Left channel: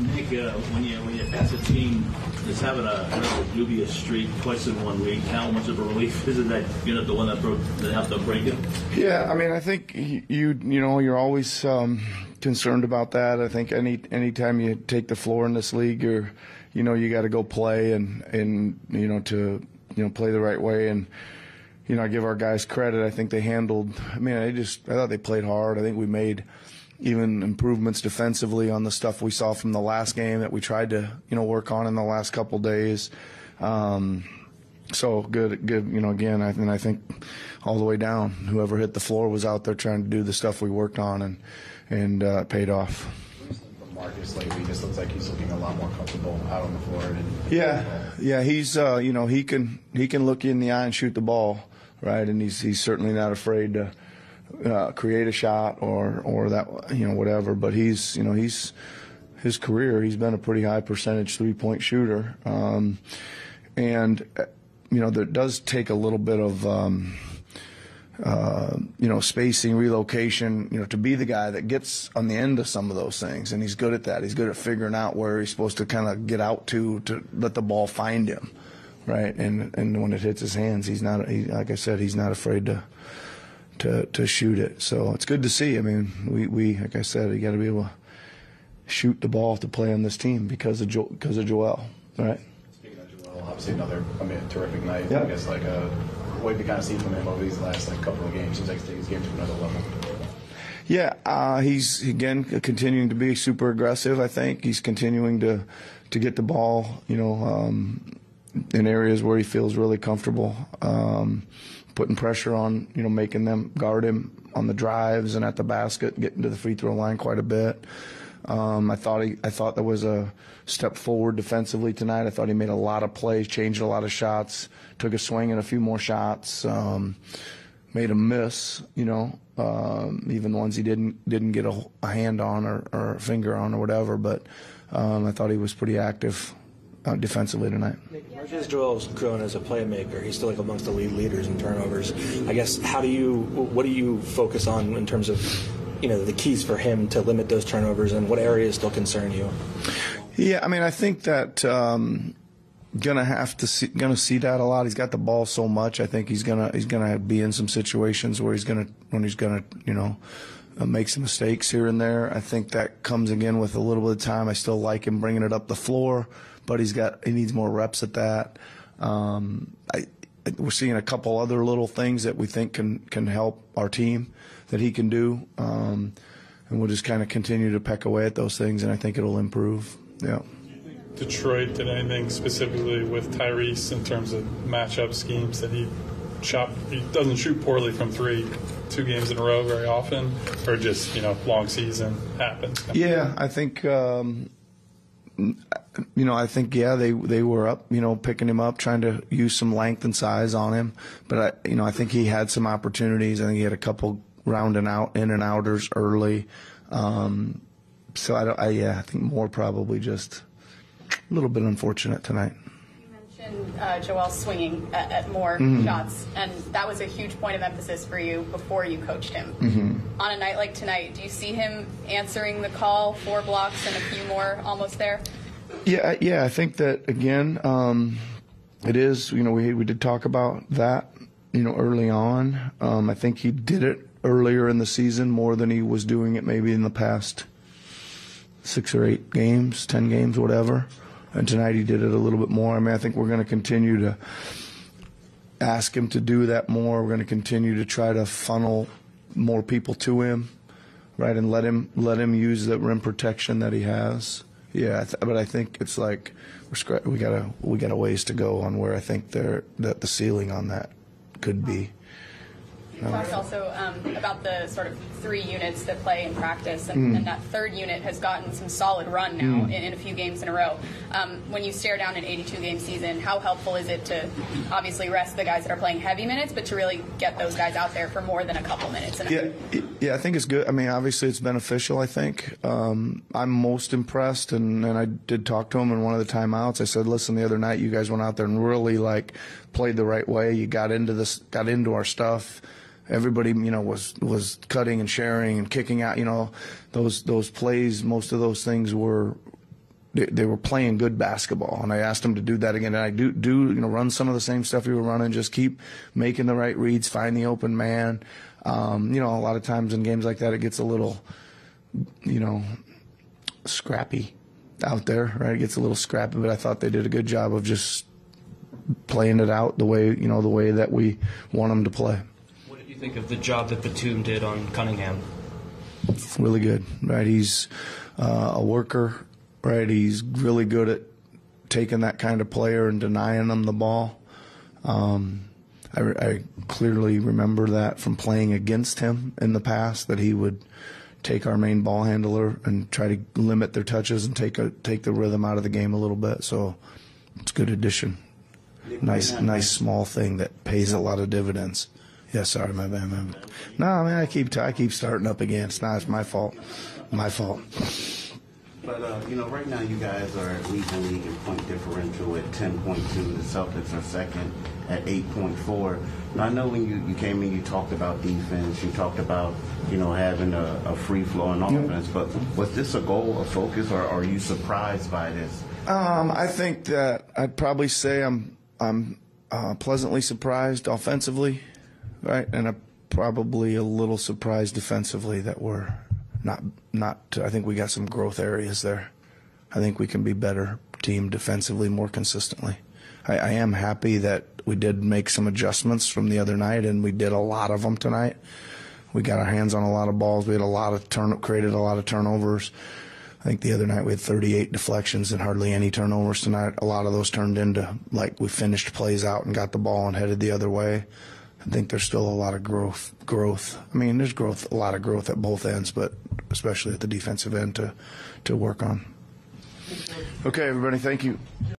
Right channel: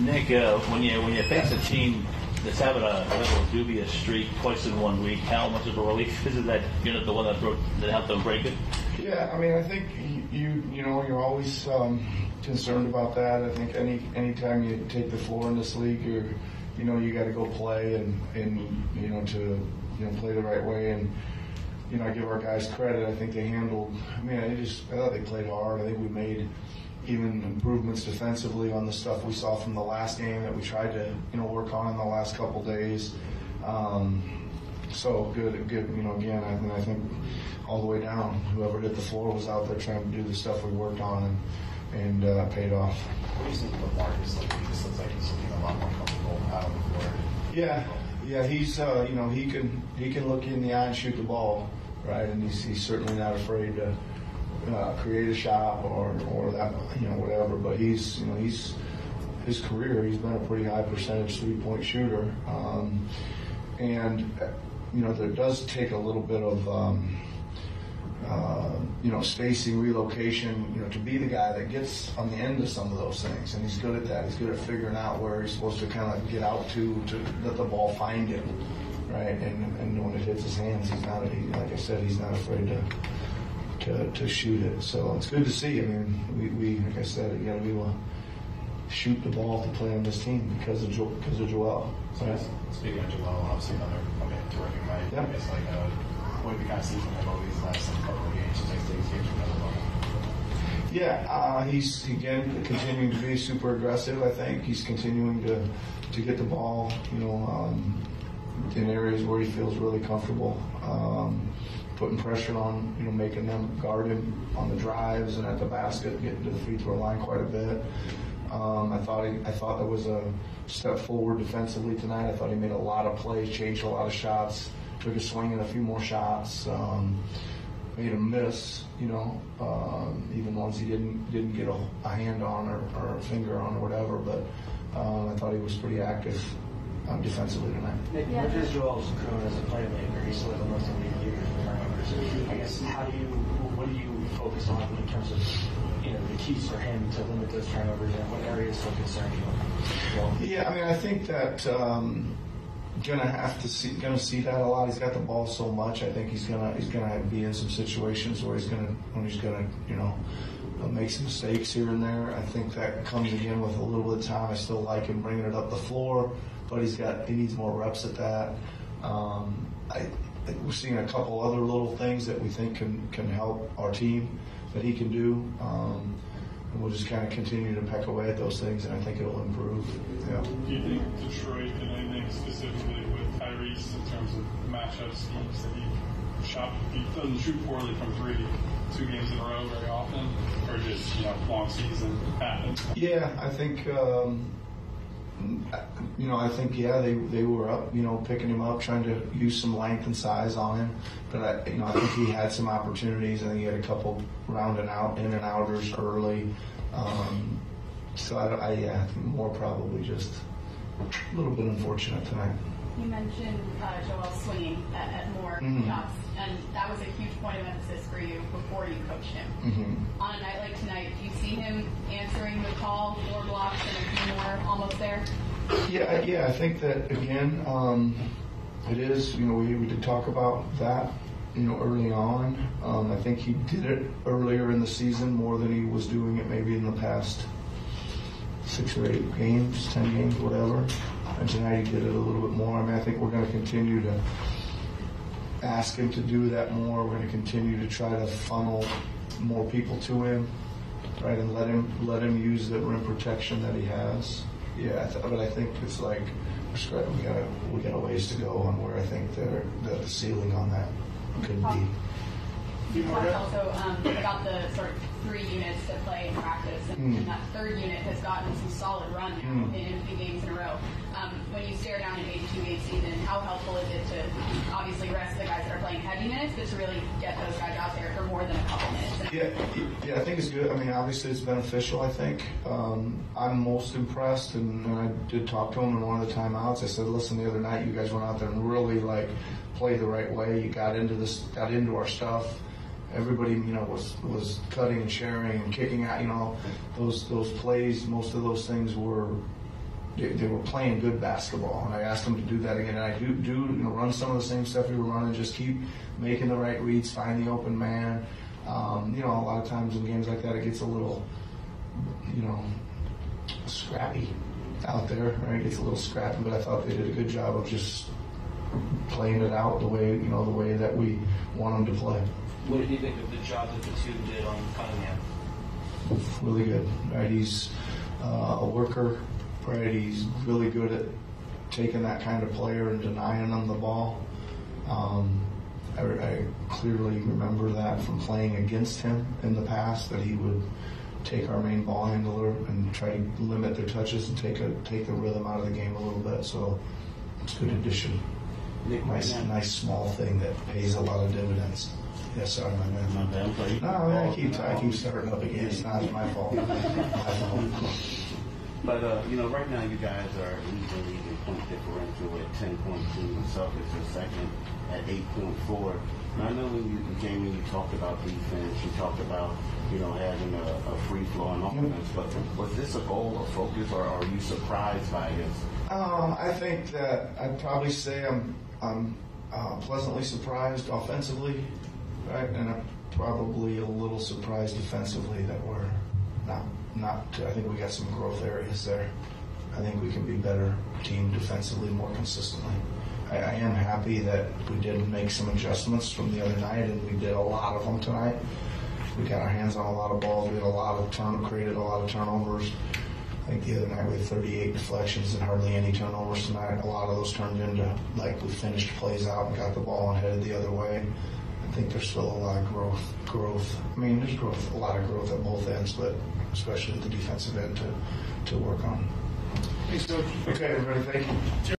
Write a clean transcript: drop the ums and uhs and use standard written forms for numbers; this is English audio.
Nick, when you face a team that's having a dubious streak twice in 1 week, how much of a relief is it that you're not the one that have to break it? Yeah, I mean, I think you're always concerned about that. I think anytime you take the floor in this league, you got to go play and to play the right way. And I give our guys credit. I think they handled. I thought they played hard. I think we made even improvements defensively on the stuff we saw from the last game that we tried to work on in the last couple days. So good. Again, I think all the way down, whoever hit the floor was out there trying to do the stuff we worked on and paid off. What do you think of Marcus lately? He just looks like he's looking a lot more comfortable out on the floor. Yeah. He's he can look you in the eye and shoot the ball, right? And he's certainly not afraid to create a shot or that whatever. But he's his career, he's been a pretty high percentage 3-point shooter, and there does take a little bit of spacing, relocation, to be the guy that gets on the end of some of those things, and he's good at that. He's good at figuring out where he's supposed to kind of get out to let the ball find him, right? And when it hits his hands, like I said, he's not afraid to shoot it. So it's good to see. I mean, we like I said, you got to be able to shoot the ball to play on this team because of Joel, right? Speaking of Joel, obviously another terrific night. Yeah. I guess what have you kind of seen from him over these last couple of games? Seems like he's getting to another level. Yeah, he's again continuing to be super aggressive. I think he's continuing to get the ball, in areas where he feels really comfortable, putting pressure on, making them guard him on the drives and at the basket, getting to the free throw line quite a bit. I thought there was a step forward defensively tonight. I thought he made a lot of plays, changed a lot of shots, took a swing and a few more shots, made him miss, even ones he didn't get a hand on or a finger on or whatever. But I thought he was pretty active defensively tonight. As Joel's grown as a playmaker, he's still amongst the league leaders in turnovers. I guess what do you focus on in terms of the keys for him to limit those turnovers, and what areas still concern you? Yeah, I think that gonna see that a lot. He's got the ball so much. I think he's gonna be in some situations where he's gonna make some mistakes here and there. I think that comes again with a little bit of time. I still like him bringing it up the floor, but he needs more reps at that. We're seeing a couple other little things that we think can help our team that he can do, and we'll just kind of continue to peck away at those things, and I think it'll improve. Yeah. Detroit did anything specifically with Tyrese in terms of matchup schemes that he doesn't shoot poorly from 3 2 games in a row very often, or just long season happens? Yeah, I think they were up, picking him up, trying to use some length and size on him. But I think he had some opportunities. I think he had a couple in and outers early. So I think more probably just a little bit unfortunate tonight. You mentioned Joel swinging at more shots, and that was a huge point of emphasis for you before you coached him. Mm-hmm. On a night like tonight, do you see him answering the call, 4 blocks and a few more almost there? Yeah. I think that again, it is. We did talk about that. Early on. I think he did it earlier in the season more than he was doing it maybe in the past 6 or 8 games, 10 games, whatever. And tonight he did it a little bit more. I think we're going to continue to ask him to do that more. We're going to continue to try to funnel more people to him, right, and let him use the rim protection that he has. Yeah, but I think it's like we got a ways to go on where I think that the ceiling on that could be. You talked also about the sort of 3 units that play in practice, and that 3rd unit has gotten some solid run now in a few games in a row. When you stare down an 82-game season, how helpful is it to obviously rest the guys that are playing heavy minutes, but to really get those guys out there for more than a couple minutes? Yeah, I think it's good. Obviously it's beneficial, I think. I'm most impressed, and I did talk to him in one of the timeouts. I said, listen, the other night you guys went out there and really played the right way. You got into our stuff. Everybody, was cutting and sharing and kicking out. Those plays. Most of those things were they were playing good basketball, and I asked them to do that again. And I do run some of the same stuff we were running. Just keep making the right reads, find the open man. A lot of times in games like that, it gets a little, scrappy out there, right? It gets a little scrappy, but I thought they did a good job of just playing it out the way that we want them to play. What did you think of the job that Batum did on Cunningham? Really good, right? He's a worker, right? He's really good at taking that kind of player and denying them the ball. I clearly remember that from playing against him in the past, that he would take our main ball handler and try to limit their touches and take the rhythm out of the game a little bit. So it's a good addition. Nice small thing that pays a lot of dividends. Yes, sorry, my bad, man. No, man, I keep starting up again. It's my fault. My fault. But, right now you guys are leading the league in point differential at 10.2. The Celtics are second at 8.4. Now, I know when you came in, you talked about defense. You talked about, having a free-flowing offense. But was this a goal, a focus, or are you surprised by this? I think that I'd probably say I'm pleasantly surprised offensively, right? And I'm probably a little surprised defensively that we're not. I think we got some growth areas there. I think we can be better team defensively more consistently. I am happy that we did make some adjustments from the other night, and we did a lot of them tonight. We got our hands on a lot of balls. We had created a lot of turnovers. I think the other night we had 38 deflections and hardly any turnovers. Tonight, a lot of those turned into, we finished plays out and got the ball and headed the other way. I think there's still a lot of growth. I mean, there's a lot of growth at both ends, but especially at the defensive end to work on. Okay, everybody, thank you.